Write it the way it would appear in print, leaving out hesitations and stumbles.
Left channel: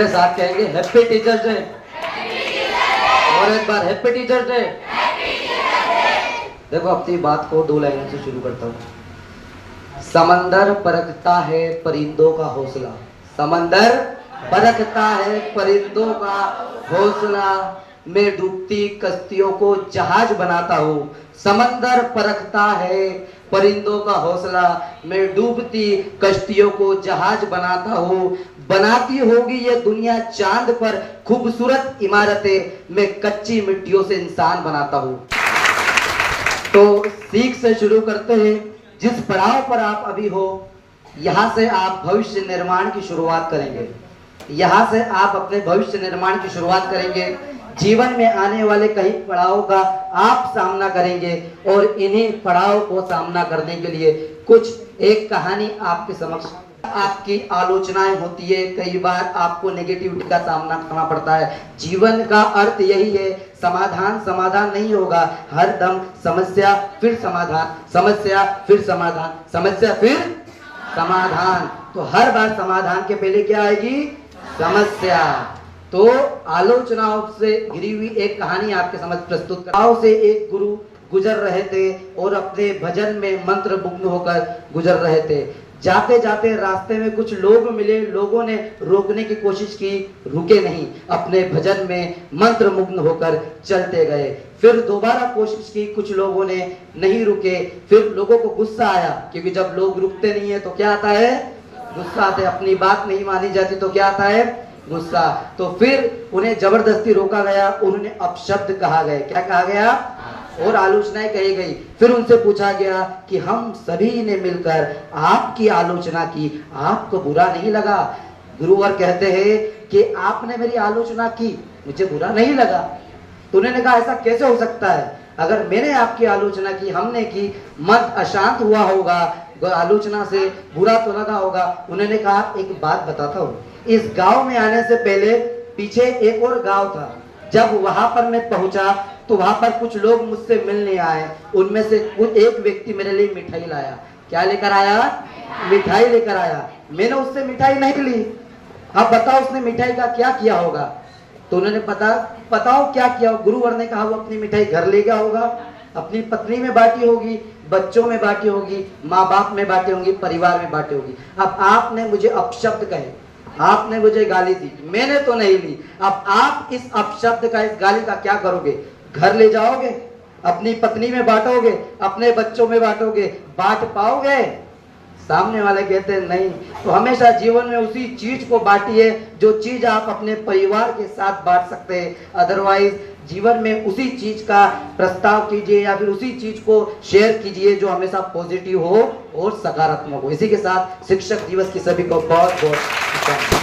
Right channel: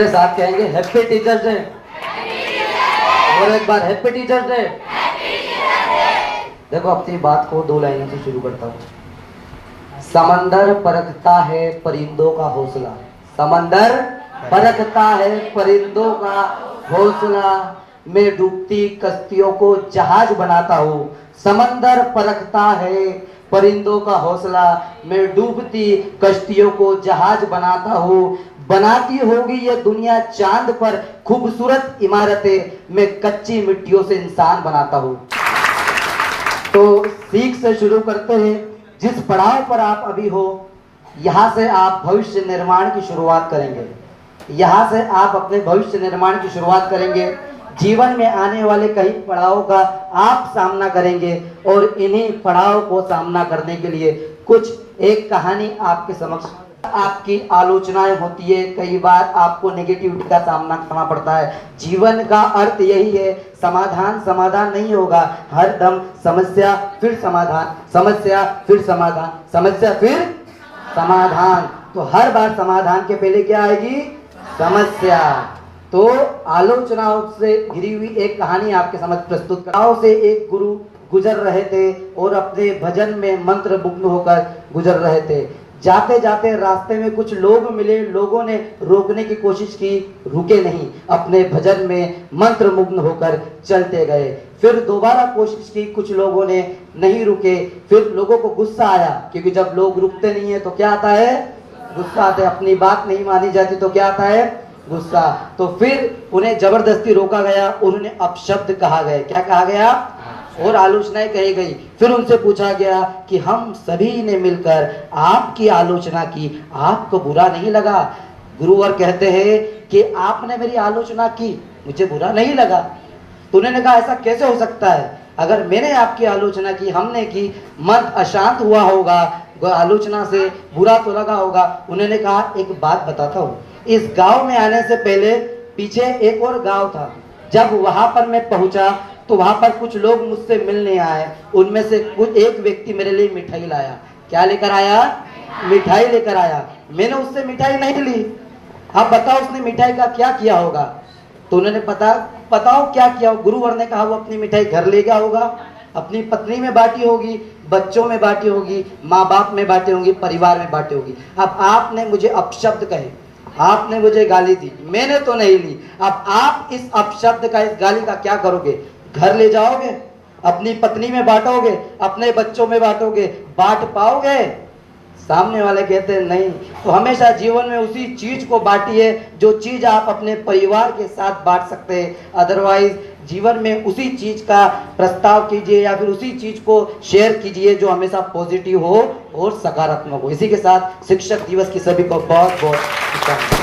मेरे साथ कहेंगे हैप्पी टीचर्स डे। और एक बार हैप्पी टीचर्स डे। देखो अपनी बात को दो लाइनों से शुरू करता हूँ। समंदर परखता है परिंदों का हौसला, समंदर परखता है परिंदों का हौसला, मैं डूबती कश्तियों को जहाज बनाता हूँ। समंदर परखता है परिंदों का हौसला, मैं डूबती कश्तियों को जहाज बनाता हूँ। बनाती होगी ये दुनिया चांद पर खूबसूरत इमारतें, मैं कच्ची मिट्टियों से इंसान बनाता हूँ। तो सीख से शुरू करते हैं। जिस पड़ाव पर आप अभी हो, यहाँ से आप भविष्य निर्माण की शुरुआत करेंगे। यहाँ से आप अपने भविष्य निर्माण की शुरुआत करेंगे। जीवन में आने वाले कई पड़ावों का आप सामना करेंगे और इन्हीं पड़ाव को सामना करने के लिए कुछ एक कहानी आपके समक्ष। आपकी आलोचनाएं होती है, कई बार आपको नेगेटिविटी का सामना करना पड़ता है। जीवन का अर्थ यही है, समाधान समाधान नहीं होगा, हर दम समस्या फिर समाधान, समस्या फिर समाधान, समस्या फिर समाधान। तो हर बार समाधान के पहले क्या आएगी? समस्या। तो आलोचनाओं से घिरी हुई एक कहानी आपके समझ प्रस्तुत कराओ। से एक गुरु गुजर रहे थे और अपने भजन में मंत्र मुग्ध होकर गुजर रहे थे। जाते जाते रास्ते में कुछ लोग मिले, लोगों ने रोकने की कोशिश की, रुके नहीं, अपने भजन में मंत्र मुग्ध होकर चलते गए। फिर दोबारा कोशिश की, कुछ लोगों ने नहीं रुके। फिर लोगों को गुस्सा आया, क्योंकि जब लोग रुकते नहीं है तो क्या आता है? गुस्सा आता है। अपनी बात नहीं मानी जाती तो क्या आता है? गुस्सा। तो फिर उन्हें जबरदस्ती रोका गया, उन्हें अपशब्द कहा गया। क्या कहा गया? और आलोचनाएं कही गई। फिर उनसे पूछा गया कि हम सभी ने मिलकर आपकी आलोचना की, आपको बुरा नहीं लगा? गुरुवर कहते हैं कि आपने मेरी आलोचना की, मुझे बुरा नहीं लगा। तो उन्होंने कहा ऐसा कैसे हो सकता है? अगर मैंने आपकी आलोचना की, हमने की, मन अशांत हुआ होगा, आलोचना से बुरा तो लगा होगा। उन्होंने कहा एक बात बताता हूँ, इस गांव में आने से पहले पीछे एक और गांव था। जब वहां पर मैं पहुंचा तो वहां पर कुछ लोग मुझसे मिलने आए। उनमें से एक व्यक्ति मेरे लिए मिठाई लाया। क्या लेकर आया? मिठाई लेकर आया। मैंने उससे मिठाई नहीं ली। अब बताओ उसने मिठाई का क्या किया होगा? तो उन्होंने बताओ क्या किया? गुरुवर ने कहा वो अपनी मिठाई घर ले गया होगा, अपनी पत्नी में बांटी होगी, बच्चों में बांटी होगी, माँ बाप में बांटी होगी, परिवार में बांटी होगी। अब आपने मुझे अपशब्द कहे, आपने मुझे गाली दी, मैंने तो नहीं ली। अब आप इस अपशब्द का, इस गाली का क्या करोगे? घर ले जाओगे, अपनी पत्नी में बांटोगे, अपने बच्चों में बांटोगे, बांट पाओगे? सामने वाले कहते हैं नहीं। तो हमेशा जीवन में उसी चीज को बांटिए जो चीज आप अपने परिवार के साथ बांट सकते हैं। अदरवाइज जीवन में उसी चीज का प्रस्ताव कीजिए या फिर उसी चीज को शेयर कीजिए जो हमेशा पॉजिटिव हो और सकारात्मक हो। इसी के साथ शिक्षक दिवस की सभी को बहुत बहुत शुभकामनाएं।